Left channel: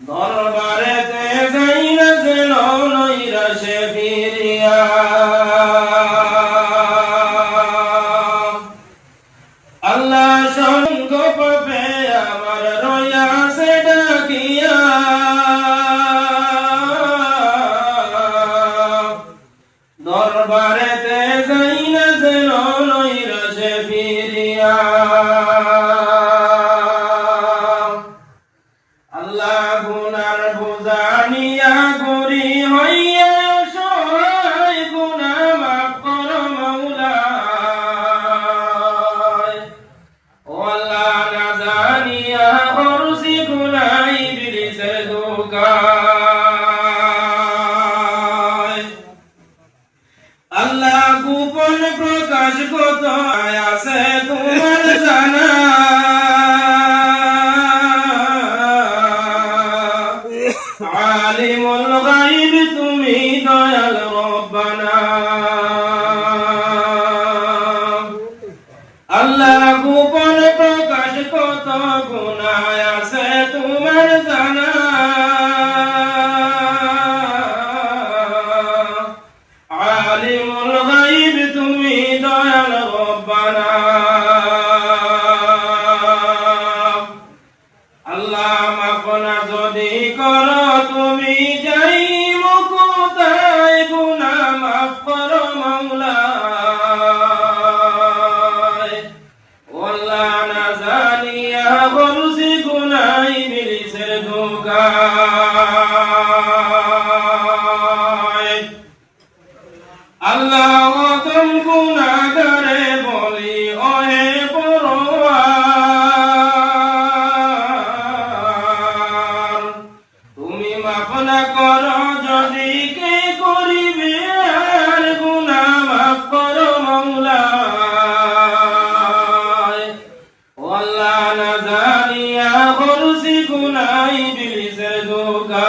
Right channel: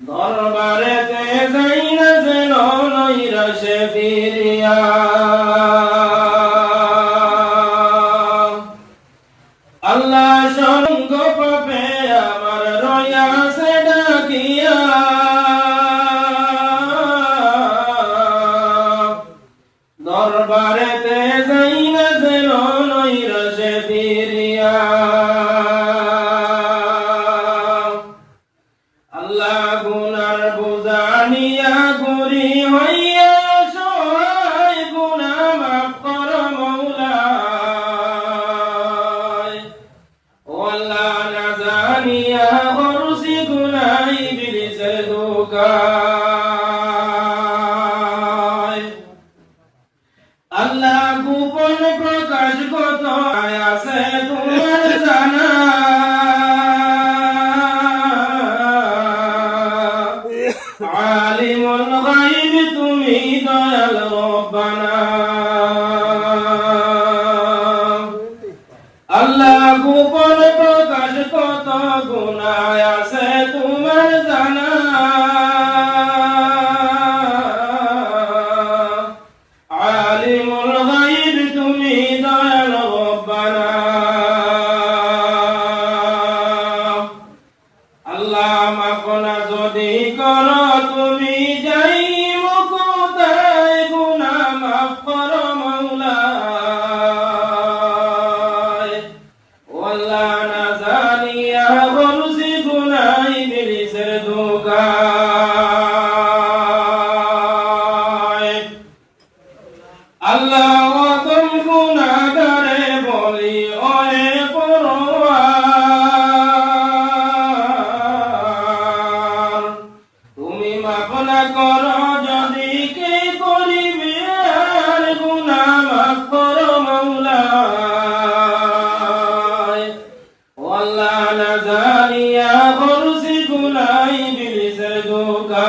দরবারেতে যাই না যেন নৈরাশে ফিরিয়া, আল্লাহ সঙ্গ পাবে আমার রয়াসে ডাকিয়া, দরবারেতে যাই না যেন নৈরাশে ফিরিয়া। আল্লাহ গুনার বোঝা নিয়া গরি হইয়া সহায়, গুনাহ মাফ কর মওলা। ও আল্লাহ না জানিয়া করছি গুনাহ ইবলিসের ধোঁকায়। আল্লাহ গোপন প্রকাশ কত আছে তোমার জানা, আলিমুল গায়ব তুমি দয়াল রব্বানা। আল্লাহ গোপন প্রকাশ কত গুনাহ আছে তোমার জানা, আলিমুল গায়ব তুমি দয়াল রব্বানা। আল্লাহ মাফ না যদি করো তুমি যাই মুকুতায়, গুনাহ মাফ করো মওলা। ও আল্লাহ না জানিয়া করছি গুনাহ ইবলিসের ধোঁকায়। আল্লাহ তুমি গুনাহগারে বলি ওহে পরওয়ার, তুমি মাফ না করো যদি কে করিবে আর, গুনাহ মাফ করো মওলা। ও আল্লাহ না জানিয়া করছি গুনাহ ইবলিসের ধোঁকায়।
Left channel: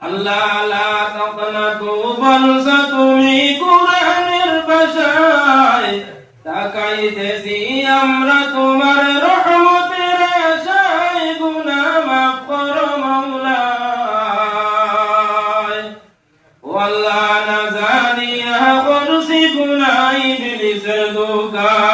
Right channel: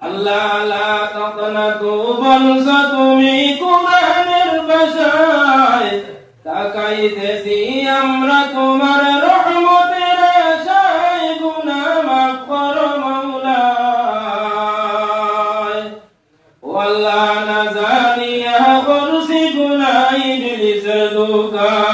আল্লাহ লা তাকনাতু বলছো তুমি কোরআনের ভাষায়, তাকাইতেছি আমরা তোমার রহমতের আশায়, গুনাহ মাফ করো মওলা। ও আল্লাহ না জানিয়া করছি গুনাহ ইবলিসের ধোঁকায়।